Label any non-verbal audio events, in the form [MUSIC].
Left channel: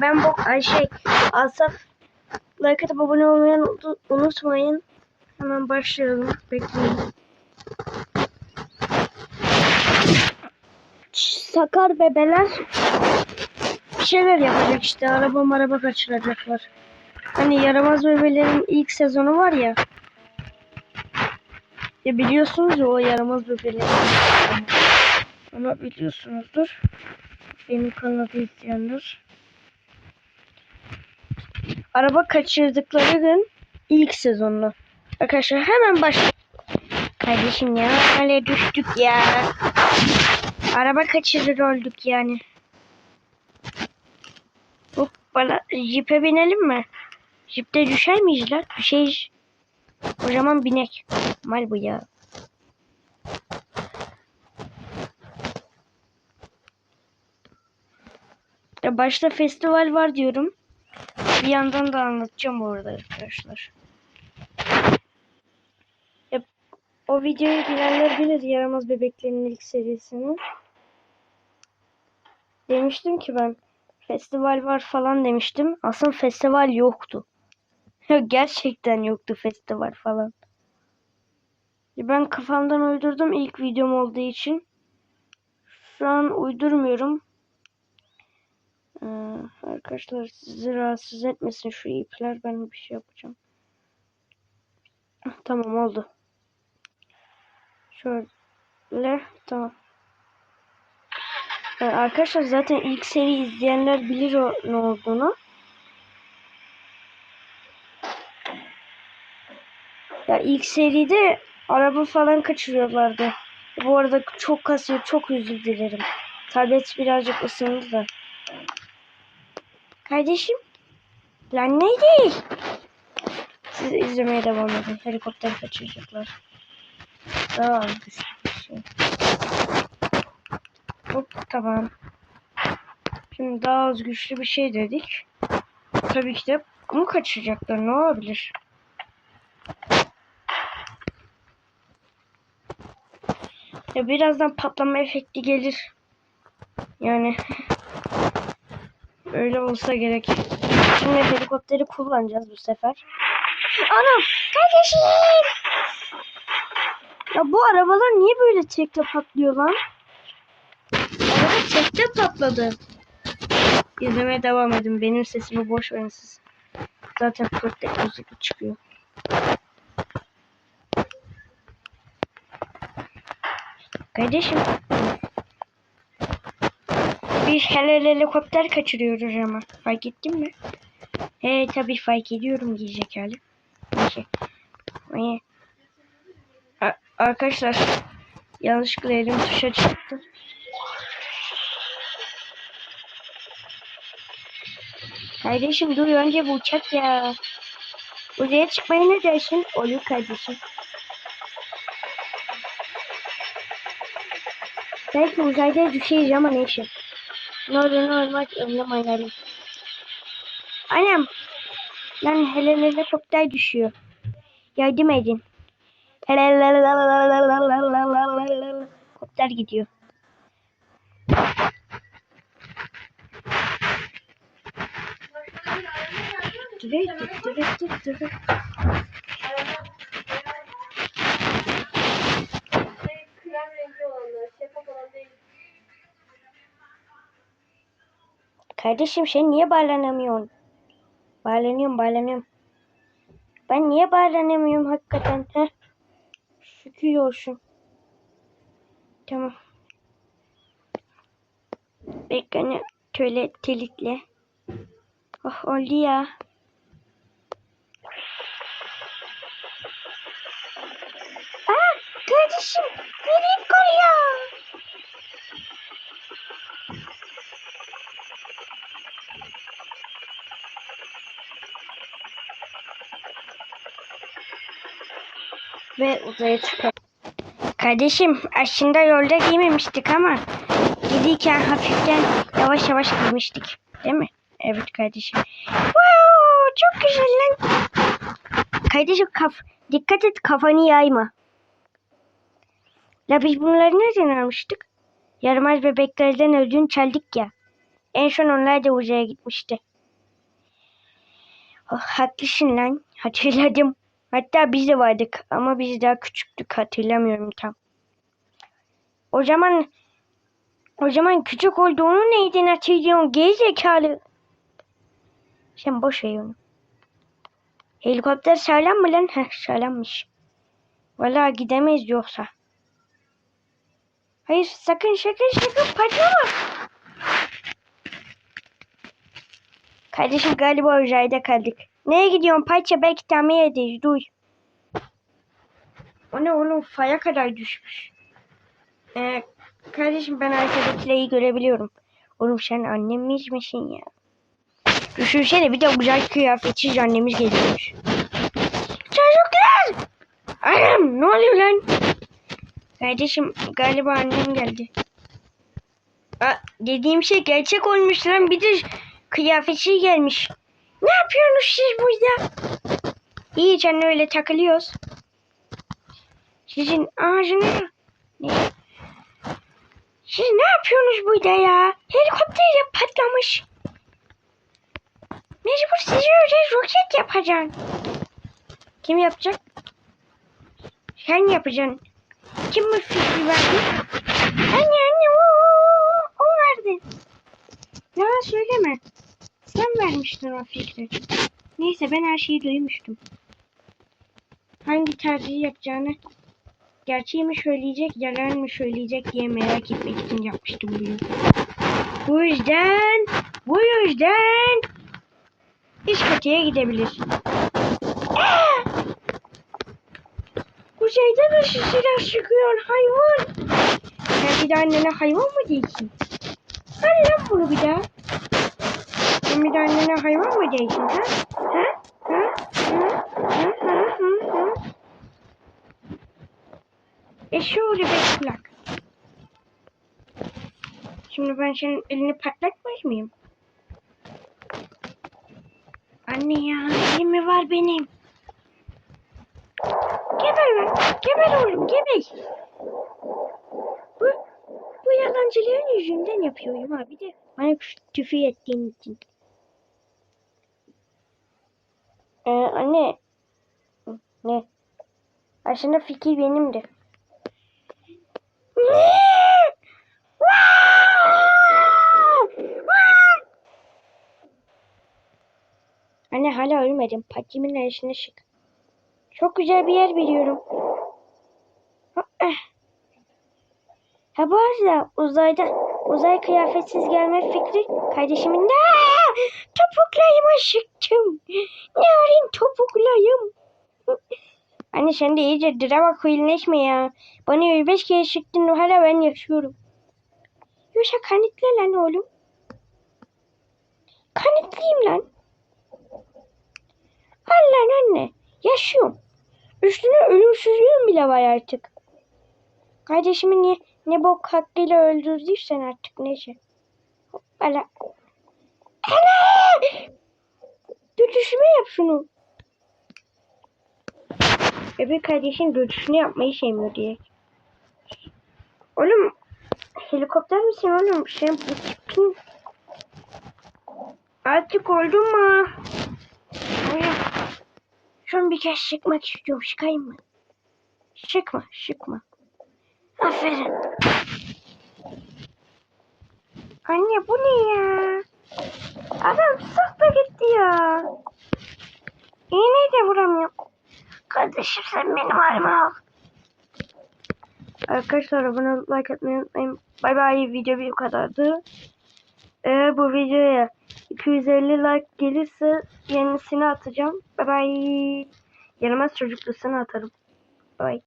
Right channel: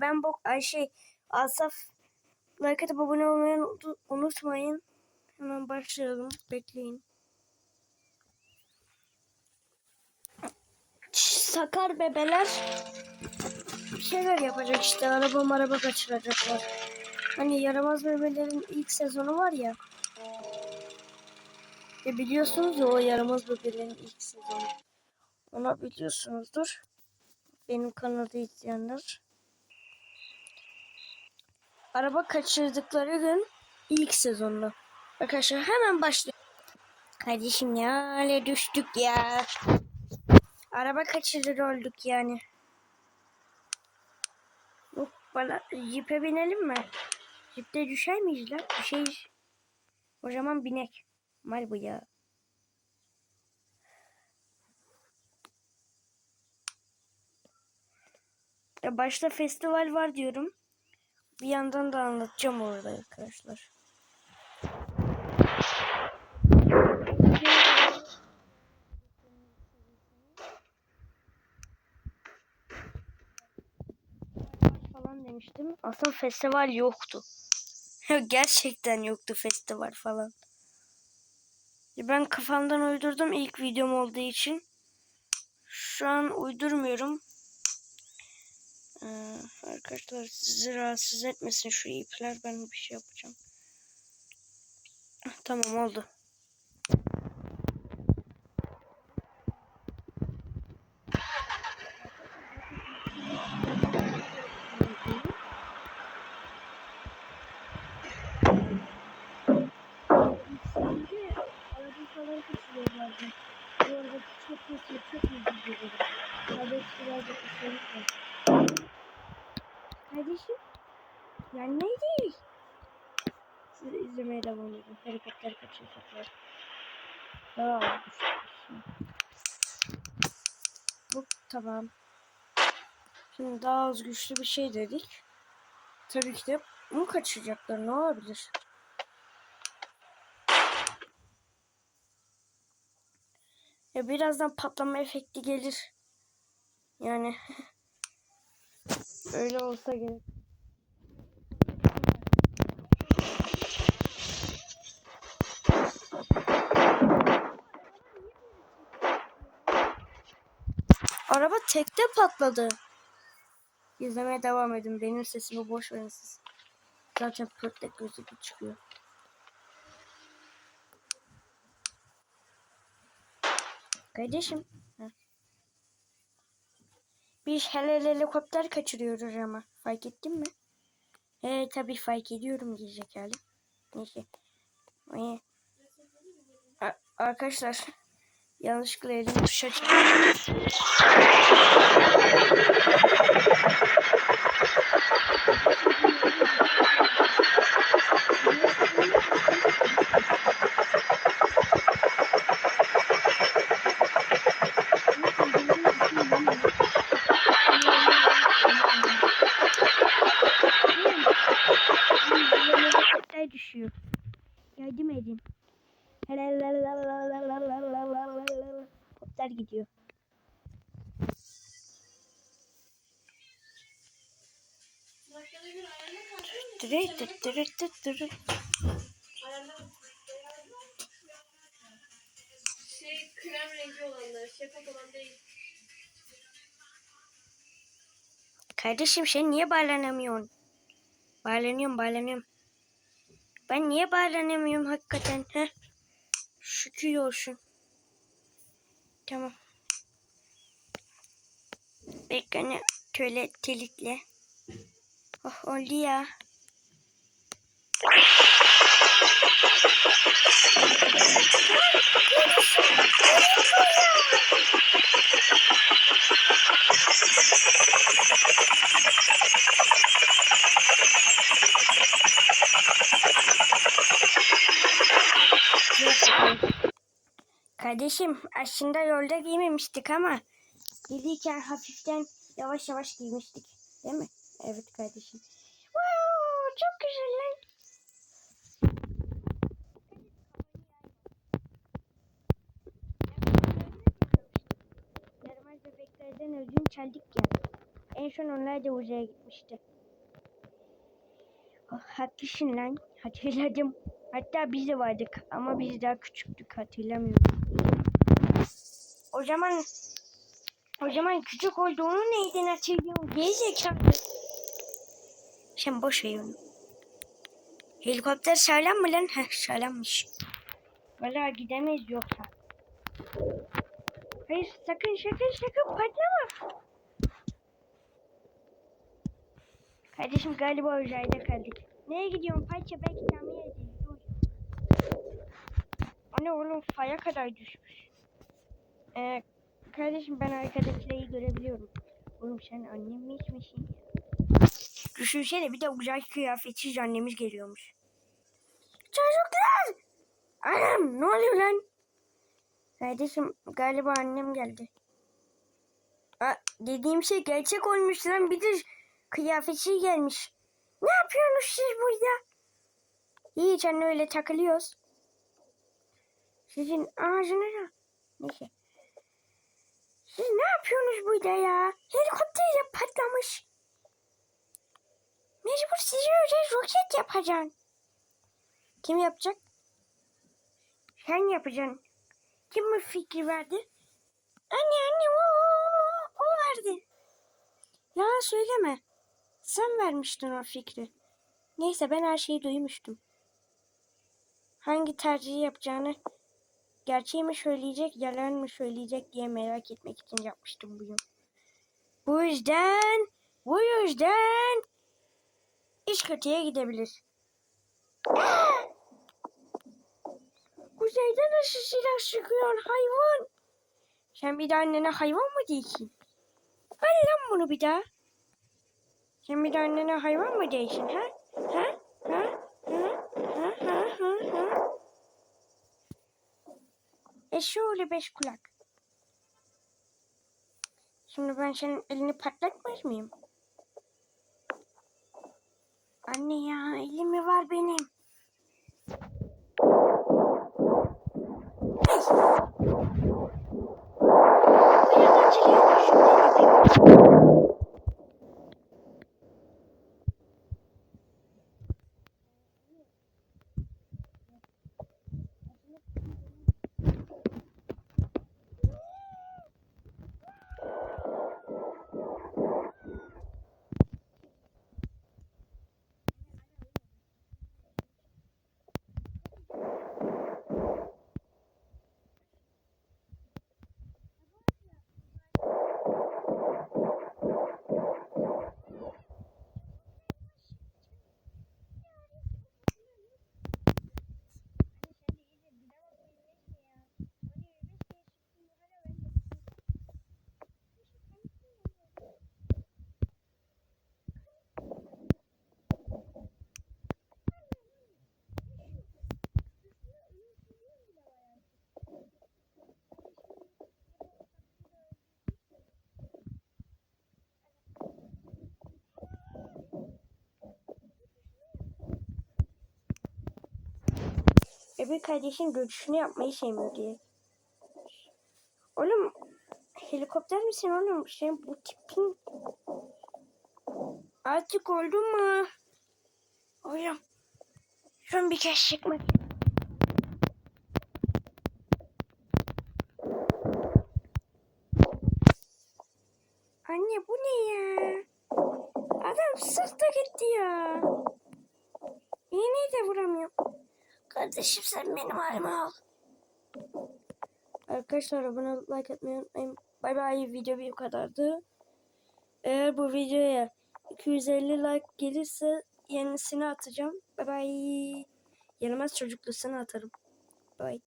Ben bu ay şey Asaf like atıp abone olmayı unut- unutmayın. Hemen başlayalım. Bekleyin. Sakar bebeler bir şeyler yapacak işte. Araba maraba kaçıracaklar. Hani yaramaz bebelerin ilk sezonu var ya. Ya biliyorsunuz ya o yaramaz bebeleri. Ama biliyorsunuzdur. Benim kanalı izleyenler. Araba kaçırdıkları gün ilk sezonlu. Arkadaşlar hemen baş. Kardeşim ya öyle düştük ya. Araba kaçırır olduk yani. Hop bana jipe binelim mi? Jipte düşer miyiz lan? Şey kocaman binek. Mal bu ya. Ya başta festival var diyorum. Bir yandan da anlatacağım orada arkadaşlar. Ya, o videoyu bilenler bilir yaramaz bebeklerin ilk serisini. Demiştim ki ben festival var falan demiştim. Aslında festival yoktu. [LAUGHS] Gerçekten yoktu festival falan. Ben kafamdan uydurdum ilk videom olduğu için. Şu an uydurmuyorum. Arkadaşlar sizi rahatsız etmesin şu ipler. Ben bir şey yapacağım. Heh, Tamam oldu. Şöyle tamam. Ee, arkadaşlar zaten ilk seri izleyenler bilir o ne olduğunu. Ya ilk seride araba falan kaçırıyorlardı. Bu arada çok kasıyor. Çok özür dilerim. Tablet birazcık ısındı da. Kardeşim. Lan neydi? Siz izlemeye devam edin. Helikopter kaçıracaklar. Daha az düşmüş. Hop tamam. Şimdi daha az güçlü bir şey dedik. Tabii ki de bunu kaçıracaklar. Ne olabilir? Ya birazdan patlama efekti gelir. Yani [LAUGHS] öyle olsa gerek. Şimdi helikopteri kullanacağız bu sefer. Anam kardeşim. Ya bu arabalar niye böyle tekle patlıyor lan? Araba tekle patladı. İzlemeye devam edin. Benim sesimi boş verin siz. Zaten 40 dakika çıkıyor. Kardeşim. Bir hele helikopter kaçırıyoruz ama. Fark ettin mi? He tabii fark ediyorum diyecek hali. Ay. A- Arkadaşlar yanlışlıkla elim tuşa çıktı. Kardeşim dur önce bu uçak ya. Buraya çıkmaya ne dersin? Olur kardeşim. Belki uzayda düşeriz ama neyse. Ne olmaz eline oynarım. Annem. Lan hele helikopter düşüyor. Yardım edin. Helikopter gidiyor. Şey, Kardeşim sen niye bağlanamıyorsun? Bağlanıyorum bağlanıyorum. Ben niye bağlanamıyorum hakikaten he? Şükür olsun. Tamam. Ekranı şöyle telikle. Oh oldu ya. Aa, kardeşim, nereye koyuyorsun? Ve buraya çıkıyor. Kardeşim aslında yolda giymemiştik ama giderken hafiften yavaş yavaş giymiştik. Değil mi? Evet kardeşim. Wow, çok güzel lan. Kardeşim kaf dikkat et kafanı yayma. Ya biz bunları nereden almıştık? Yaramaz bebeklerden ödün çaldık ya. En son onlar da uzaya gitmişti. Oh, haklısın lan. Hatırladım. Hatta biz de vardık ama biz daha küçüktük hatırlamıyorum tam. O zaman o zaman küçük olduğunu neyden hatırlıyorsun gerizekalı? Sen boş ver onu. Helikopter sağlam mı lan? Heh sağlammış. Valla gidemeyiz yoksa. Hayır sakın sakın sakın patlama. Kardeşim galiba uzayda kaldık. Nereye gidiyorsun parça belki tamir ederiz duy. O ne oğlum faya kadar düşmüş. Ee, kardeşim ben arkadakileri görebiliyorum. Oğlum sen annemiz misin ya? Düşünsene bir de uzay kıyafetsiz annemiz geliyormuş. Çocuklar! Anam ne oluyor lan? Kardeşim galiba annem geldi. Aa, dediğim şey gerçek olmuş lan bir de kıyafetsiz gelmiş. Ne yapıyorsunuz siz burada? İyi canım öyle takılıyoruz. Sizin ağzına ne? Siz ne yapıyorsunuz burada ya? Helikopter de patlamış. Mecbur sizi öyle roket yapacaksın. Kim yapacak? Sen yapacaksın. Kim bu fikri verdi? Anne anne o, o verdi. Yalan söyleme. Sen vermiştin o fikri. Neyse ben her şeyi duymuştum. Hangi tercihi yapacağını gerçeği mi söyleyecek, yalan mı söyleyecek diye merak etmek için yapmıştım bunu. Bu yüzden, bu yüzden üst katıya gidebilir. Aa! Uzayda da silah çıkıyor hayvan. Sen bir de annene hayvan mı değilsin? Hadi lan bunu bir daha. Sen bir de annene hayvan mı değilsin ha? Ha? Ha? Ha? Ha? Ha? Ha? Ha? E şöyle beş kulak. Şimdi ben senin elini patlatmaz mıyım? Anne ya elim mi var benim? Geber lan. Geber oğlum geber. Bu, bu yabancıların yüzünden yapıyorum. Bana küfür ettiğim için. Ee, anne. Ne? Aslında fikir benimdi. Anne hala ölmedim. Patimin arasına şık. Çok güzel bir yer biliyorum. Ha, eh. Bu arada uzayda uzay kıyafetsiz gelme fikri kardeşimin de topuklayıma sıktım. Narin topuklayım. Anne sen de iyice drama queenleşme ya. Bana 25 kere sıktın hala ben yaşıyorum. Yoksa kanıtla lan oğlum. Kanıtlayayım lan. Al lan anne. Yaşıyorum. Üstüne ölümsüzlüğüm bile var artık. Kardeşimi niye ne bok hakkıyla öldürdüysen artık neyse. Hoppala. Ana! Şunu. Bebek kardeşin dötüşünü yapmayı sevmiyor diye. Oğlum helikopter misin oğlum? Sen bu tipin... Artık oldu mu? Oğlum. Şunu bir kez çıkmak istiyorum. Çıkayım mı? Çıkma, çıkma. Aferin. Anne bu ne ya? Adam sıktı gitti ya. İğneyi de vuramıyorum. Kardeşim sen benim halime al. Arkadaşlar abone like atmayı unutmayın. Bay bay video bu kadardı. Eğer bu videoya 250 like gelirse yenisini atacağım. Bay bay. Yaramaz çocuklusunu atarım. Bay.